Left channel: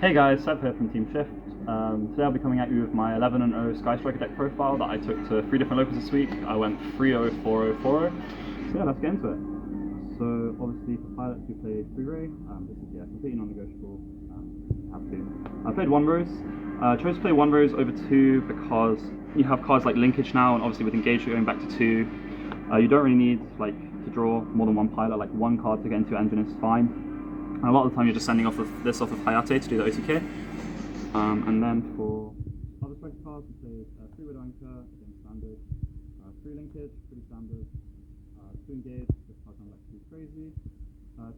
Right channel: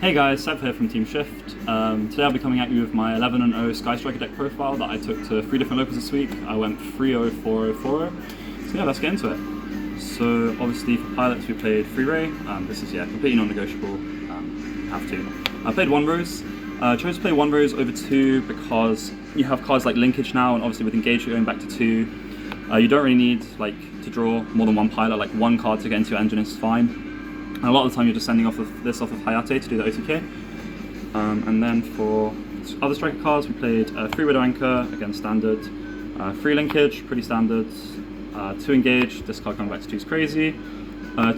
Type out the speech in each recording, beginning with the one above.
Hey guys, Sev here from Team Shift. Today I'll be coming at you with my 11-0 Sky Striker deck profile that I took to 3 different locals this week. I went 3-0, 4-0, 4-0. So yeah, let's get into it. So obviously for pilots we played 3 Ray. This is completely non-negotiable. Have to. I played 1 Rose. Chose to play 1 Rose over 2 because you have cards like Linkage now, and obviously with Engage you're going back to 2. You don't really need to draw more than 1 pilot. Like 1 card to get into your engine is fine. And a lot of the time you're just sending off of Hayate to do the OTK. And then for other striker cards we played 3 Widow Anchor, again standard, 3 Linkage, pretty standard, 2 Engage, this card coming back to 2 is crazy,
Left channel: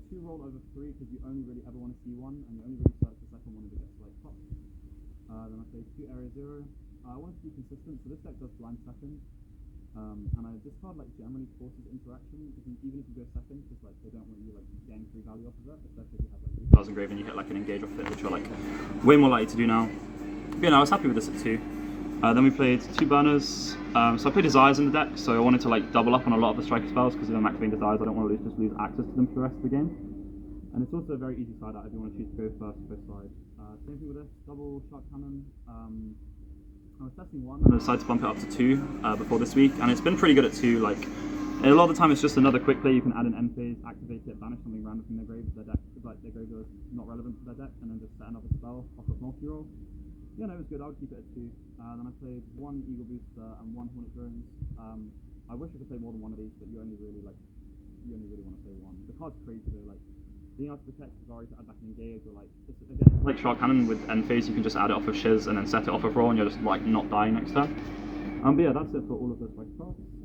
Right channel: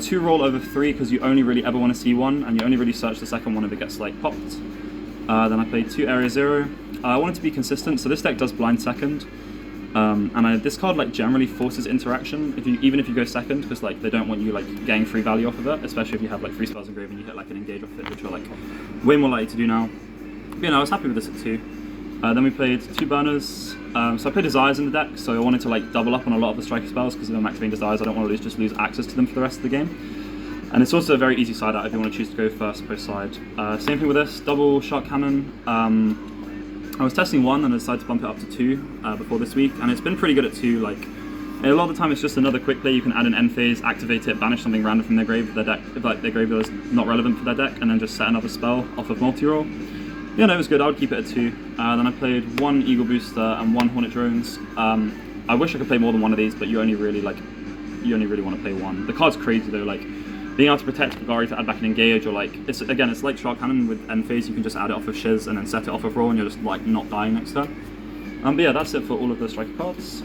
2 Roll over 3 because you only really ever want to see 1 and you only really search the second one if it gets popped. Then I played 2 Area 0. I wanted to be consistent, so this deck does blind second. This card generally forces interaction even if you go second, because they don't want you getting free value off of it, especially if you have 3 spells engraved and you hit an engage off it, which you're way more likely to do now. But I was happy with this at 2. Then we played 2 burners. So I played Desires in the deck, so I wanted to double up on a lot of the striker spells, because if I'm activating Desires I don't want to just lose access to them for the rest of the game. And it's also a very easy side out if you want to choose to go first post side. Same thing with this, double Shark Cannon. I was testing 1 and I decided to bump it up to 2 before this week, and it's been pretty good at 2. A lot of the time it's just another quick play. You can add an end phase, activate it, banish something random from their grave if their deck, if their graveyard is not relevant for their deck, and then just set another spell off of multi-roll. Yeah, no, it was good. I would keep it at 2. Then I played 1 Eagle Booster and 1 Hornet Drones. I wish I could play more than 1 of these, but you only really want to play 1. The card's crazy though. Being able to protect Kagari to add back an engage, or it's like Shark Cannon with end phase. You can just add it off of Shiz and then set it off of roll, and you're just not dying next turn. But yeah, that's it for all of the striker cards.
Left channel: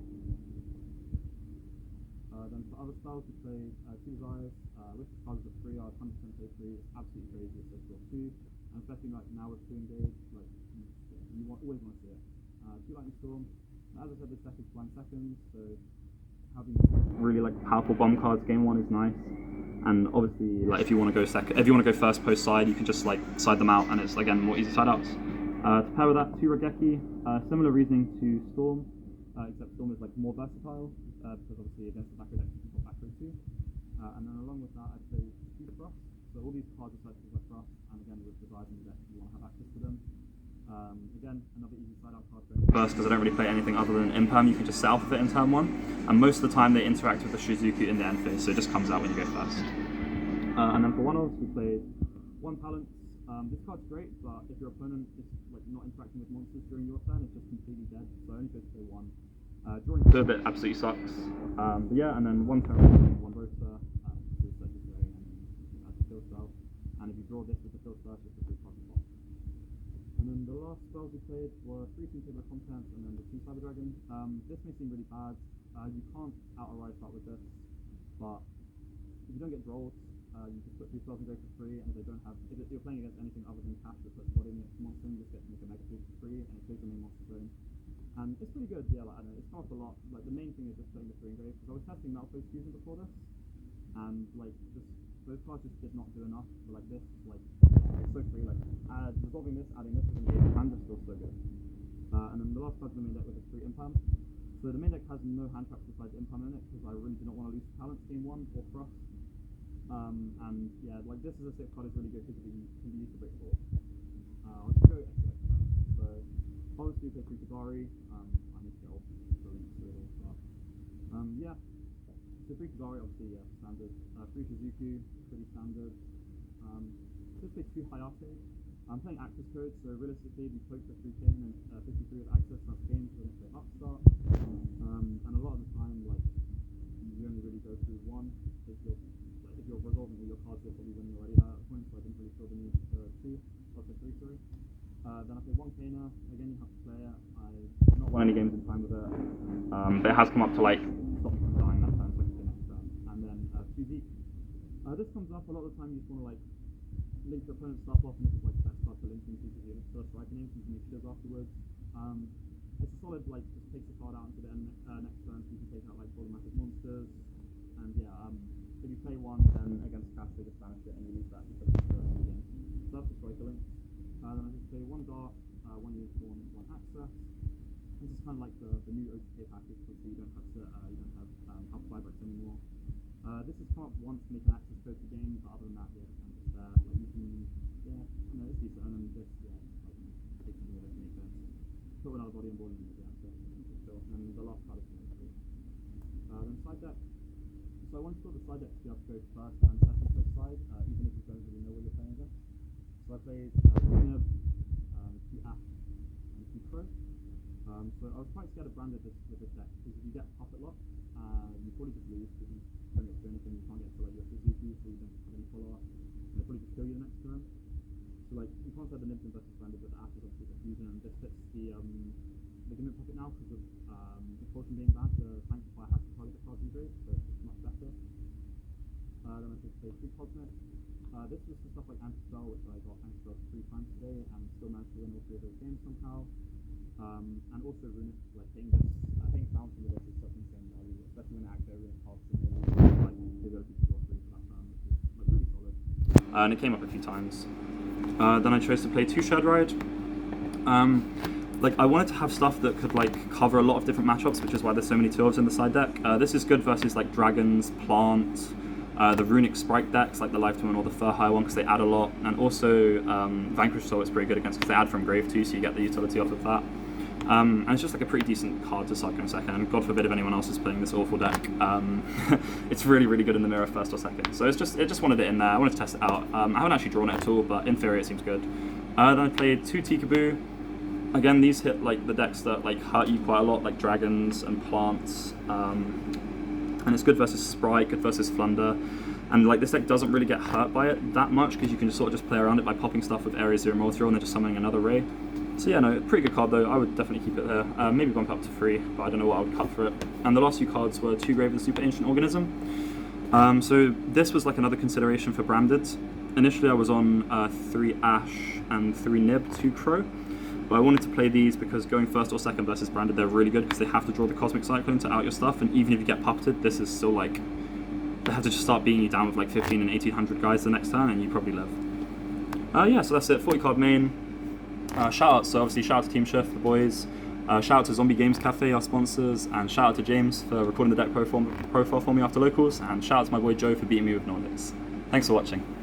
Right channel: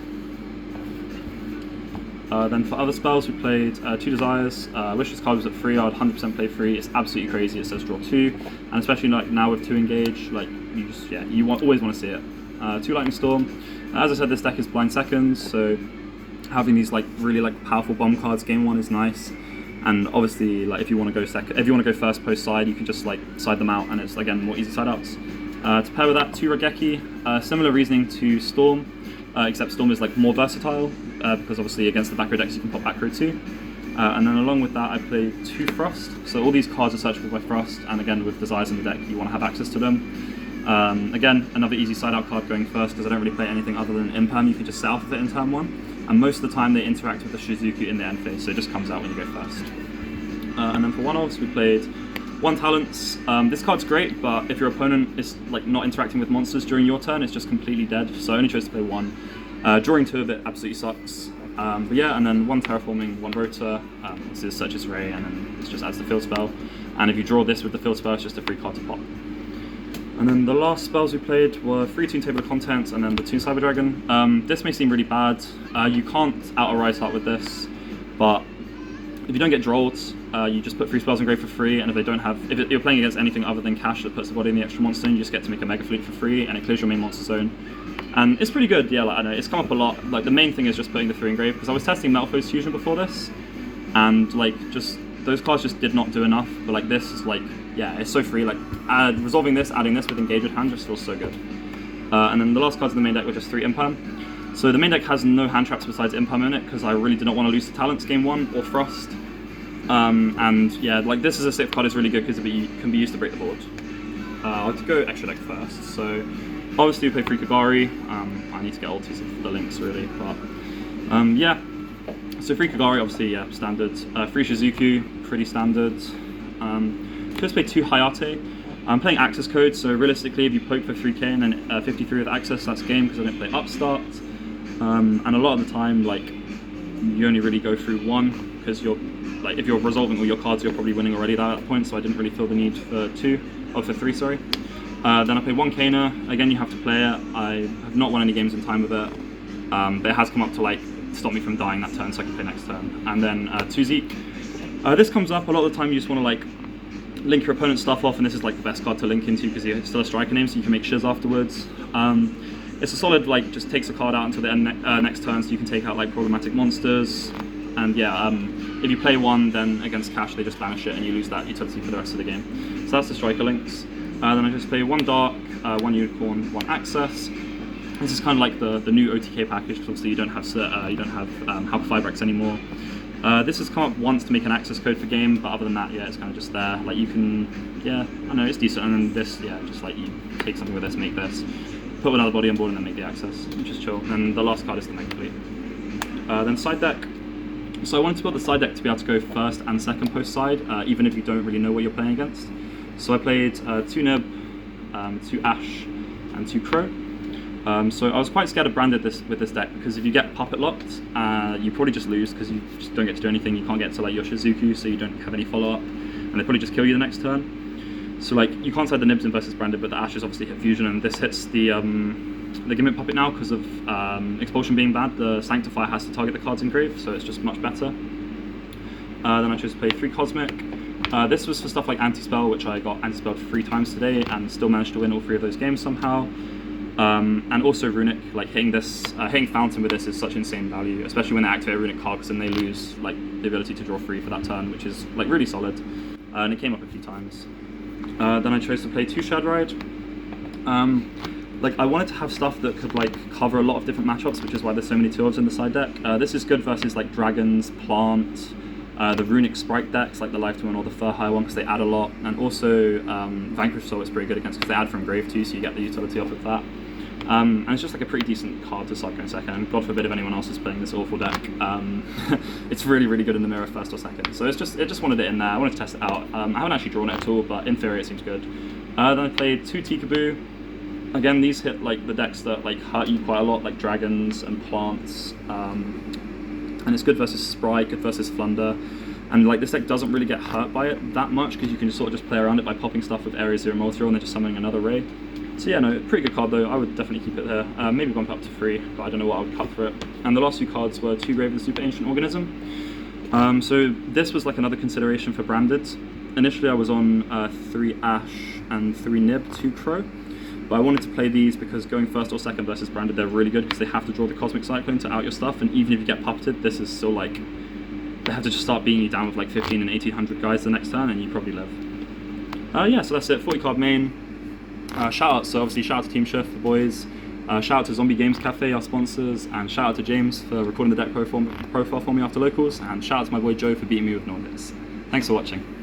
Then for other spells, we played 2 Desires. I wish this card was at 3. I would 100% play 3. It's absolutely crazy. It says draw 2, and especially now with 2 engage, you always want to see it. 2 Lightning Storm. As I said, this deck is blind seconds, so having these really powerful bomb cards game 1 is nice. And obviously, if you want to go first post side, you can just side them out, and it's again more easy side outs. To pair with that, 2 Regeki. Similar reasoning to Storm, except Storm is more versatile because obviously against the back row decks you can pop back row too. And then along with that, I played 2 Frost. So all these cards are searchable by Frost, and again with Desires in the deck, you want to have access to them. Again, another easy side out card going first, because I don't really play anything other than Imperm. You can just set off of it in turn 1. And most of the time they interact with the Shizuku in the end phase, so it just comes out when you go first. And then for 1-offs we played 1 Talents. This card's great, but if your opponent is not interacting with monsters during your turn, it's just completely dead, so I only chose to play 1. Drawing 2 of it absolutely sucks. But yeah, and then 1 Terraforming, 1 Rota. This is Search's Ray, and then it just adds the field spell. And if you draw this with the field spell, it's just a free card to pop. And then the last spells we played were 3 Toon Table of Contents and then the Toon Cyber Dragon. This may seem really bad. You can't out a Rise Heart with this, but if you don't get Drolls, you just put 3 spells in grave for free, and if you're playing against anything other than Cash that puts the body in the extra monster, you just get to make a Mega Fleet for free, and it clears your main monster zone. And it's pretty good, yeah, I know, it's come up a lot. The main thing is just putting the 3 in grave, because I was testing Metal Foes Fusion before this, and those cards just did not do enough, but this is yeah, it's so free. Resolving this, adding this with Engage with hand just feels so good. And then the last cards in the main deck were just 3 Imperm. So the main deck has no hand traps besides Imperm in it, because I really did not want to lose to Talents game 1 or Frost. And yeah, this is a safe card, is really good because it can be used to break the board. I'll go extra deck first. So obviously we play 3 Kagari. I need to get ultis for the links really, but yeah. So 3 Kagari, obviously, yeah, standard. 3 Shizuku, pretty standard. Just play 2 Hayate. I'm playing Access Code, so realistically, if you poke for 3k and then 53 with Access, that's game, because I don't play Upstart. And a lot of the time, you only really go through 1, because if you're resolving all your cards, you're probably winning already at that point, so I didn't really feel the need for 3, sorry. Then I play 1 Kana. Again, you have to play it. I have not won any games in time with it, but it has come up to stop me from dying that turn, so I can play next turn. And then 2 Zeke. This comes up a lot of the time. You just want to link your opponent's stuff off, and this is the best card to link into because you're still a striker name, so you can make Shiz afterwards. It's a solid just takes a card out until the end next turn, so you can take out problematic monsters. And yeah, if you play 1, then against Cash they just banish it and you lose that utility for the rest of the game. So that's the striker links. Then I just play 1 Dark, 1 Unicorn, 1 Access. This is kind of the new OTK package, because obviously you don't have Halqa Fibrex anymore. This has come up once to make an access code for game, but other than that, yeah, it's kind of just there. Like you can, yeah, I know it's decent. And then this, yeah, just like you take something with this, make this, put another body on board, and then make the access, which is chill. And the last card is the Mega Fleet. Then side deck. So I wanted to build the side deck to be able to go first and second post side, even if you don't really know what you're playing against. So I played 2 Nib, 2 Ash, and 2 Crow. So I was quite scared of Branded with this deck, because if you get puppet locked, you probably just lose because you just don't get to do anything. You can't get to like your Shizuku, so you don't have any follow up, and they probably just kill you the next turn. So like you can't side the Nibs in versus Branded, but the Ashes obviously hit Fusion, and this hits the Gimmick Puppet now because of Expulsion being bad. The Sanctify has to target the cards in Grave, so it's just much better. Then I chose to play 3 Cosmic. This was for stuff like Anti-Spell, which I got Anti-Spelled 3 times today and still managed to win all 3 of those games somehow. And also Runic, like hitting Fountain with this is such insane value, especially when they activate a Runic card, because then they lose like the ability to draw 3 for that turn, which is like really solid. And it came up a few times. Then I chose to play 2 Shad Ride. Like I wanted to have stuff that could like cover a lot of different matchups, which is why there's so many 2-ofs in the side deck. This is good versus like Dragons, Plant, the Runic Sprite decks like the Lifetime or the Furhigh one, because they add a lot, and also Vanquish Soul is pretty good against because they add from Grave too, so you get the utility off of that. And it's just like a pretty decent card to Cyclone second, and God forbid if anyone else is playing this awful deck. It's really, really good in the mirror first or second. So it just wanted it in there. I wanted to test it out. I haven't actually drawn it at all, but in theory it seems good. Then I played 2 Tikaboo. Again, these hit like the decks that like hurt you quite a lot, like Dragons and Plants. And it's good versus Sprite, good versus Flunder. And like this deck doesn't really get hurt by it that much, because you can just sort of just play around it by popping stuff with Area 0 Multi-Roll and then just summoning another Ray. So yeah, no, pretty good card though. I would definitely keep it there. Maybe bump it up to 3, but I don't know what I would cut for it. And the last 2 cards were 2 Grave of the Super Ancient Organism. So this was like another consideration for Branded. Initially I was on 3 Ash and 3 Nib, 2 Crow. But I wanted to play these because going first or second versus Branded, they're really good because they have to draw the Cosmic Cyclone to out your stuff, and even if you get puppeted, this is still like, they have to just start beating you down with like 15 and 1800 guys the next turn, and you probably live. Yeah, so that's it, 40 card main. Shout out, so obviously shout out to Team Shift, the boys. Shout out to Zombie Games Cafe, our sponsors, and shout out to James for recording the deck profile for me after locals, and shout out to my boy Joe for beating me with Nordics. Thanks for watching.